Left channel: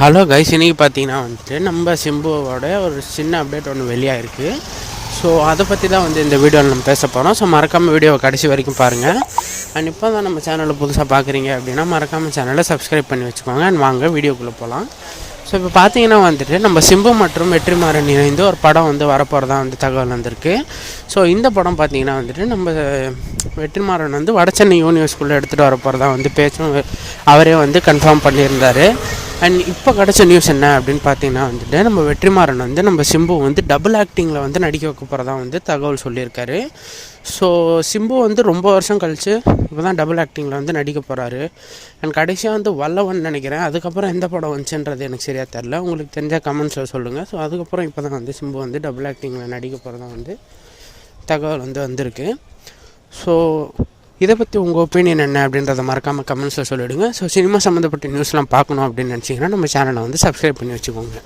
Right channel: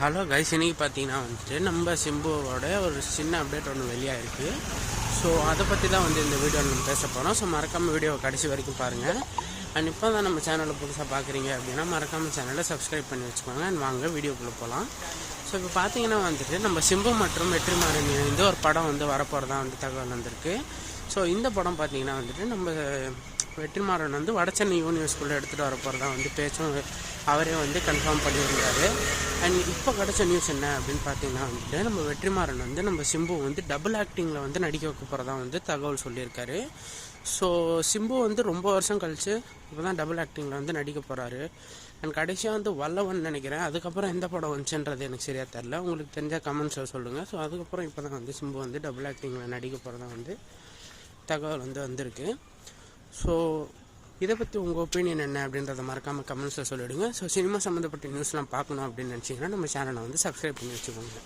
Hello guys இன்னைக்கு பார்த்தீங்கன்னா வந்துட்டு நம்ம சிம்புவோட ஒரு சின்ன அப்டேட் ஒன்று வெளியாகிருக்கு ஸோ அதை பற்றி தான் வந்து இந்த வீடியோவில் நம்ம பேச போகிறோம் ஸோ மறக்காமல் வீடியோவை கடைசி வரைக்கும் பாருங்கள் அண்ட் இப்போ தான் நம்ம சேனலை புதுசாக பார்க்குறீங்க அப்படின்னா மறக்காமல் சேனலை சப்ஸ்கிரைப் பண்ணி வச்சுக்கோங்க. அண்ட் வாங்க வீடியோக்குள்ளே போகலாம் ஸோ இப்போ பார்த்தீங்கன்னா வந்துட்டு நம்ம சிம்பு மற்றும் வெற்றிமாறன் இணைந்து ஒரு படம் வந்து வரப்போகிறதா வந்து தகவல் வந்திருக்கு. ஸோ இந்த படம் பார்த்தீங்கன்னா வந்துட்டு நம்ம வெற்றிமாறன் வந்து வடசென்னை யூனிவர்ஸ்குள்ளே எடுத்துகிட்டு வரப்போகிறதா வந்து பேச்சும் அவரே வந்து கன்ஃபார்ம் பண்ணியிருந்தாரு. அண்ட் இப்போ கிடச்ச நியூஸ் என்ன அப்படின்னு பார்த்தீங்கன்னா வந்துட்டு நம்ம வெற்றிமாறன் வந்து நம்ம சிம்பு வந்து டபுள் ஆக்டிங்கில் வந்து நடிக்க வைக்க போகிறதா வந்து தகவல் சொல்லியிருக்காரு. ஸோ சிம்பு வந்து ரொம்ப வருஷம் கழித்து இப்போ தான் டபுள் ஆக்டிங்கில் வந்து நடிக்க போகிறாரு அண்ட் கடைசியாக வந்து வல்லவன் நினைக்கிறேன். அதுக்கப்புறம் எந்த படம் வந்துச்சுன்றது எனக்கு சரியாக தெரில உங்களுக்கு தெரிஞ்ச கமெண்ட்ஸில் சொல்லுங்கள் ஸோ அதுக்கப்புறம் இப்போ தான் வந்து சிம்பு வந்து டபுள் ஆக்டிங்கில் நடிக்க போகிறதா வந்து தகவல் வந்து வந்திருக்கு. ஸோ இதை பற்றி உங்கள் ஒப்பீனியன் என்ன அப்படின்றத மறக்காமல் கமெண்ட்ஸில் சொல்லிவிடுங்க ஸோ சினிமா சம்மந்தப்பட்ட நியூஸ்லாம் பார்க்கணும் அப்படின்னு நினச்சிங்கன்னா நம்ம சேனலை வந்து சப்ஸ்கிரைப் பண்ணி வச்சுக்கோங்க.